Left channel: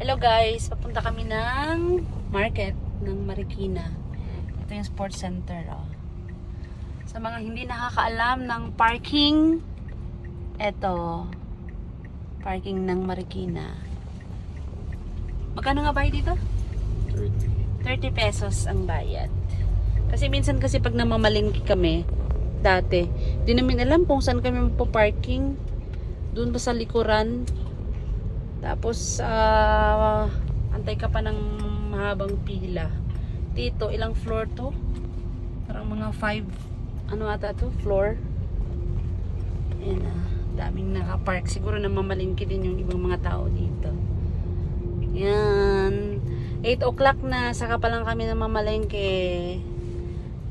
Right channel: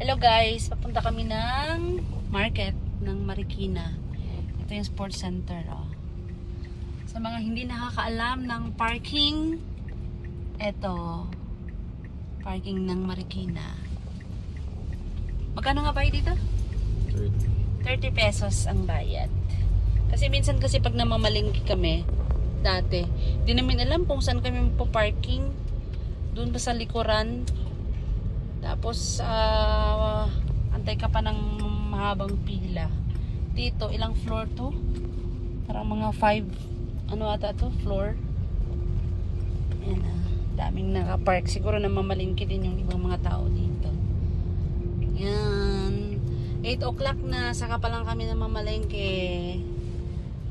Hello guys, papunta kami ng market ng Marikina. Ito yung sports center. Oh. Sa mga hindi nakakaalam ng parking, eto, parking ng Marikina. Magkano nga bayad dito? 30 pesos ang bayad. Kasi minsan kasi pag namamalingki kami, dati, di namin alam kung saan kami magpa-parking. Doon ba sa likuran? Tapos, ah, antay ka pa ng mahabang pila. Dito, ilang floor to? Parang mga 5, ano ata to? Floor. Ayan ah, daming nakapark. Siguro namamalingki din yung ibang mga tao dito. Yan. 8 o'clock na, saka pa lang kami namamalengke.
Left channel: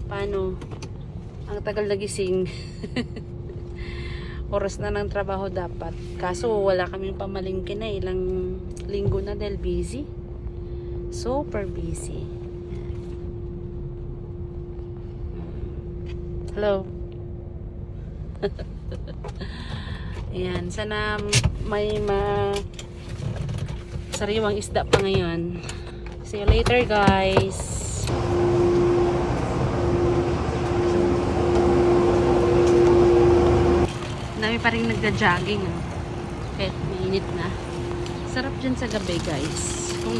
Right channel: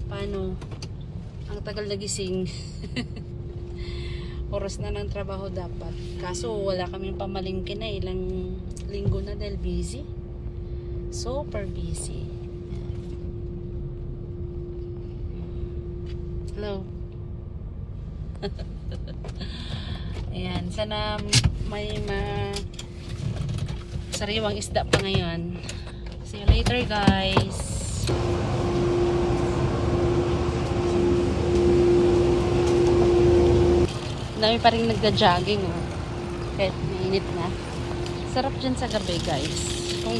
Paano? Ang tagal na gising. Oras na ng trabaho dapat. Kaso wala kaming pamalingke na ilang linggo na dahil busy. Super busy. Hello. Ayan, sana may ma sariwang isda pa ngayon. See you later guys. Nagja-jogging. Ano? Kahit mainit na. Sarap dyan sa gabi guys. Kung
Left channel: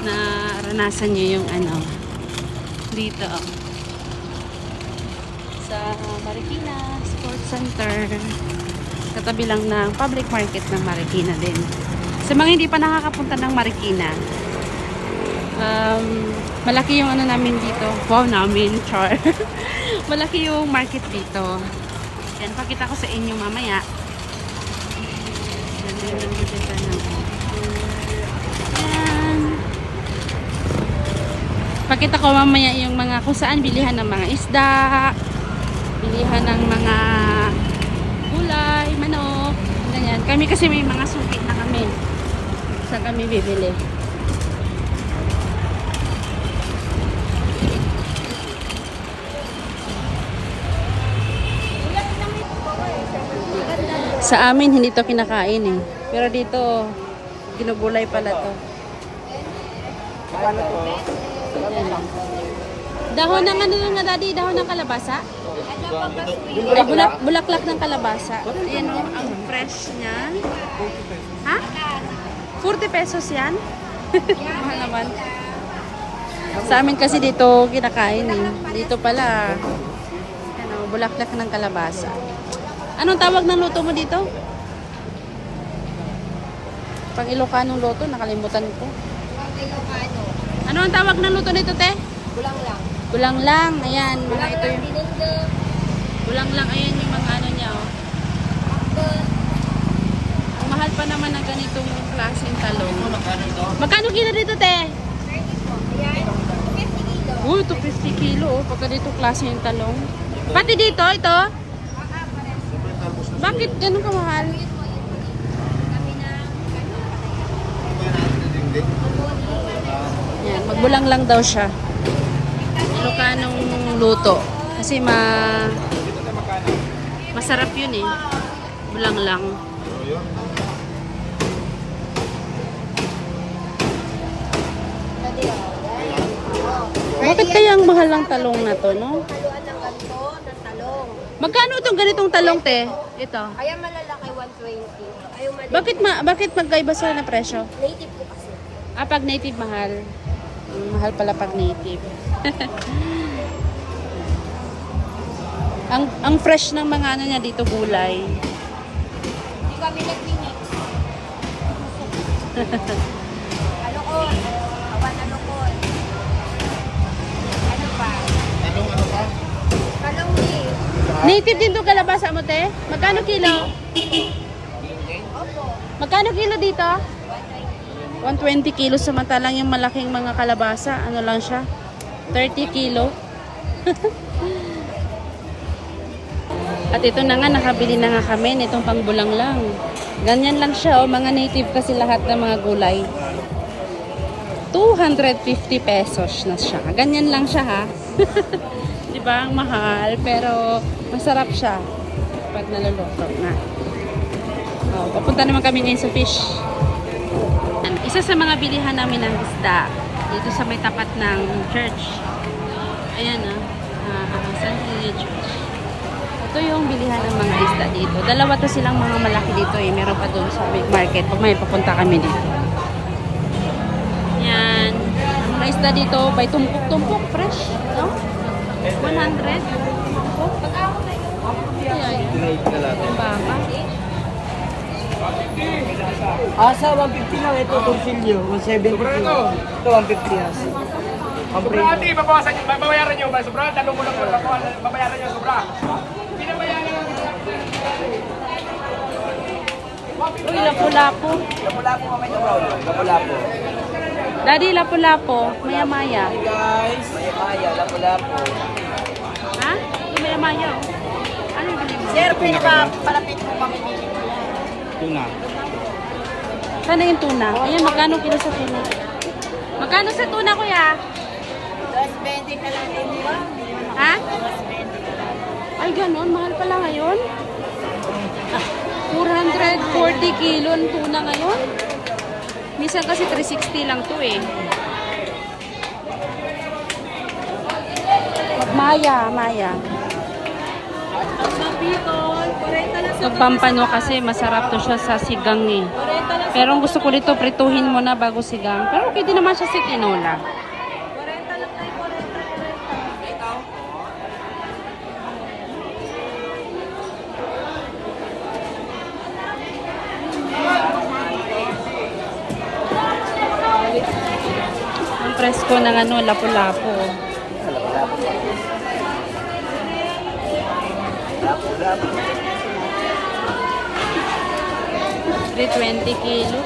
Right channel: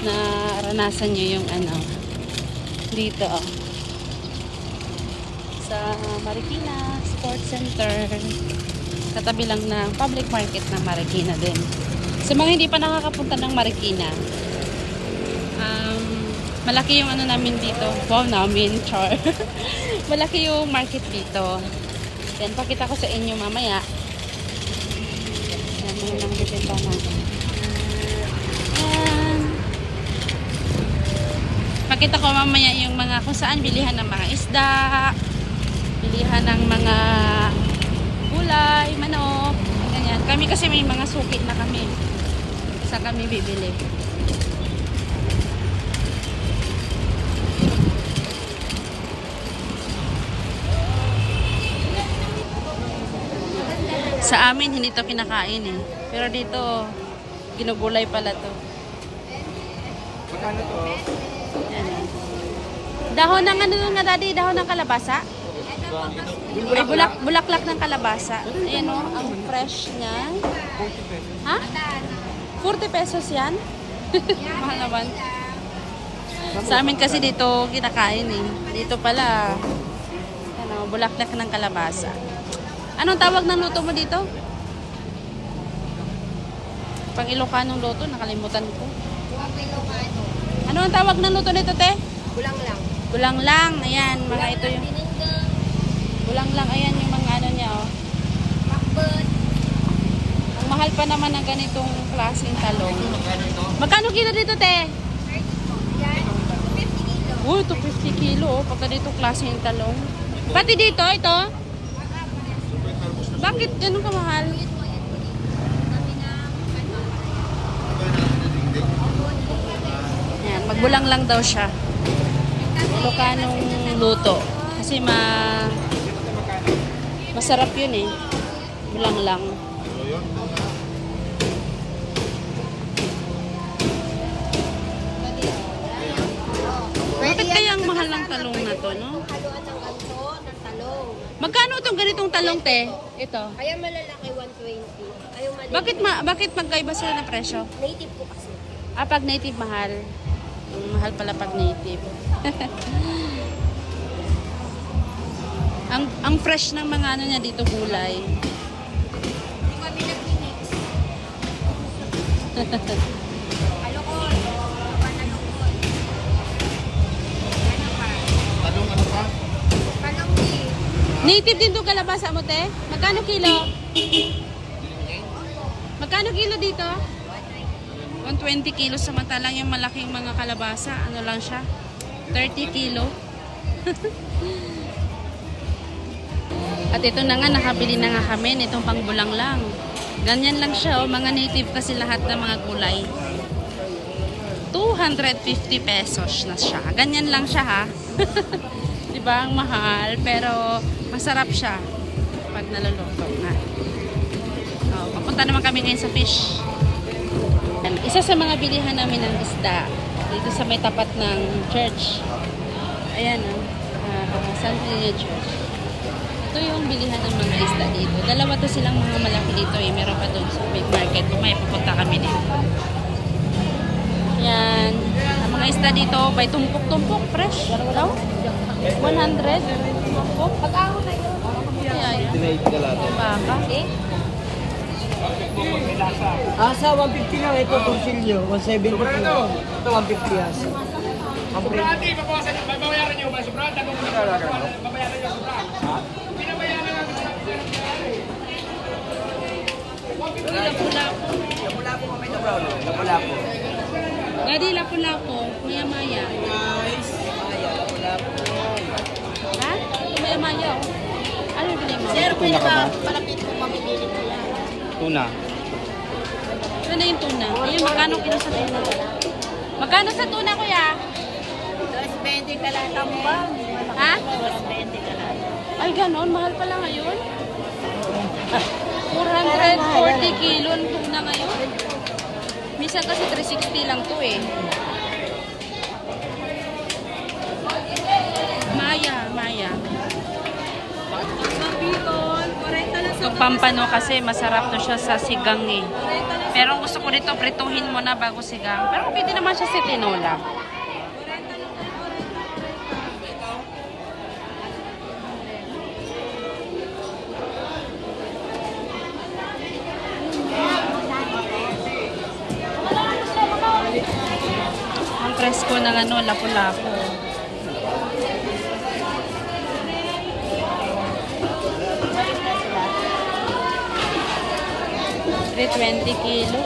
naranasan nyo yung ano dito sa Marikina Sports Center katabi lang ng public market ng Marikina din. Sa mga hindi pa nakakapunta ng Marikina, um, malaki yung ano namin dito. Wow namin, char. malaki yung market dito. Yan, pakita ko sa inyo mamaya. Yan, yun ang bibenta natin. Yan. Pakita ko mamaya yung mga kung saan bilihan ng mga isda, bilihan ng mga gulay, manok, ganyan. Kami kasi may mga suki na kami. Sa kami bibili. Sa amin, hindi to kinakain eh. Pero dito, ginugulay pala to. Yan. Dahon ng ano nga daddy? Dahon ng kalabasa? Ay, bulak, bulaklak ng kalabasa. Ayan o, ang fresh niya. Ha? 40 pesos yan? Mahal naman. Sa amin kasi dito kinakain eh. Dito pala, ano, bulaklak ng kalabasa. Anong tawag ng luto mo dito? Pang Ilocanong luto, nakalimutan ko. Ano ang tawag ng luto nito, te? Kulang lang. Gulang lang, ayan, mga ito yung gulang lang, ayan yung mga ano niya, oh. Ang mahal pa naman ng ganitong klaseng talong. Magkano kilo dito, te? Oh, 250 kilo, oh, pag ganitong klaseng talong. Pati dito, ito? Bakit ganun kamahal? Ayan, magbulang lang daw siya. Ilocanong luto. Kasi ma masarap yun eh. Bulang lang. Bakit kaya ang mahal ng talong na to, no? Magkano itong ganitong talong, te? Ito. Kaya malalaki 120. Ayaw maliit. Bakit ma bakit magkaiba sila na presyo? Native po kasi. Ah, pag native mahal. Mm, mahal pala pag native. ang ang fresh ng mga ano niya dito gulay. Di kami nag-mix. Native din 'tong kalabasa mo, te? Magkano kilo? Magkano kilo dito? 120 kilo samantalang yung malaking mga kalabasa, ano lang siya? 30 kilo. At ito na nga, nakabili na nga kami nitong pangbulang lang. Ganyan lang siya, oh, mga native kasi lahat ng mga gulay. 250 pesos na siya. Ganyan lang siya ha. 'Di ba? Ang mahal pero masarap siya pag naluluto na. Oh, papunta naman kami ngayon sa fish. Yan, Isa sa mga bilihan namin ng isda dito sa may tapat ng church. Ayan ah, uh, San Quilio Church. Ito yung bilihan ng mga isda dito. Dalawa to silang mga malaki dito eh. Meron pa doon sa market. Pag may papunta kami dito. Yan. Mga isda dito by tumpok-tumpok. Fresh. No? 100. Tumpok. Kaya yun. Tinaid ka lang. Asa, 150 lang. Ito, Torsilyo. 170 po. Ito, 150 asa. Sobrati, babawasan nyo, babayaran nyo ba? Sobra, tanong mo na talaga. Babayaran nyo, sobra. Uy, lapu-lapu. Lapu-lapu mamay na brown. Lapu-lapu. Daddy, lapu-lapu. Maya-maya. Guys, Maya, lapu-lapu. Maya-maya. Ano yung bilhin mo? Tuna ka ba? Tuna. Sana yung tuna. Ayun, magkano kilo sa tuna? Magkano sa tuna, kuya? 220 ka lang kami. Ha? Ay, ganun. Mahal pala ngayon. 440 kilo ang tuna ngayon. Minsan kasi 360 lang to eh. Maya, Maya. Pagpampano kasi masarap to siya sa sigang eh. Pero gusto ko dito, prituhin mo na bago sigang. Pero pwede naman siya sa tinola. Ang presko ng ano, lapu-lapu. de 20 kilos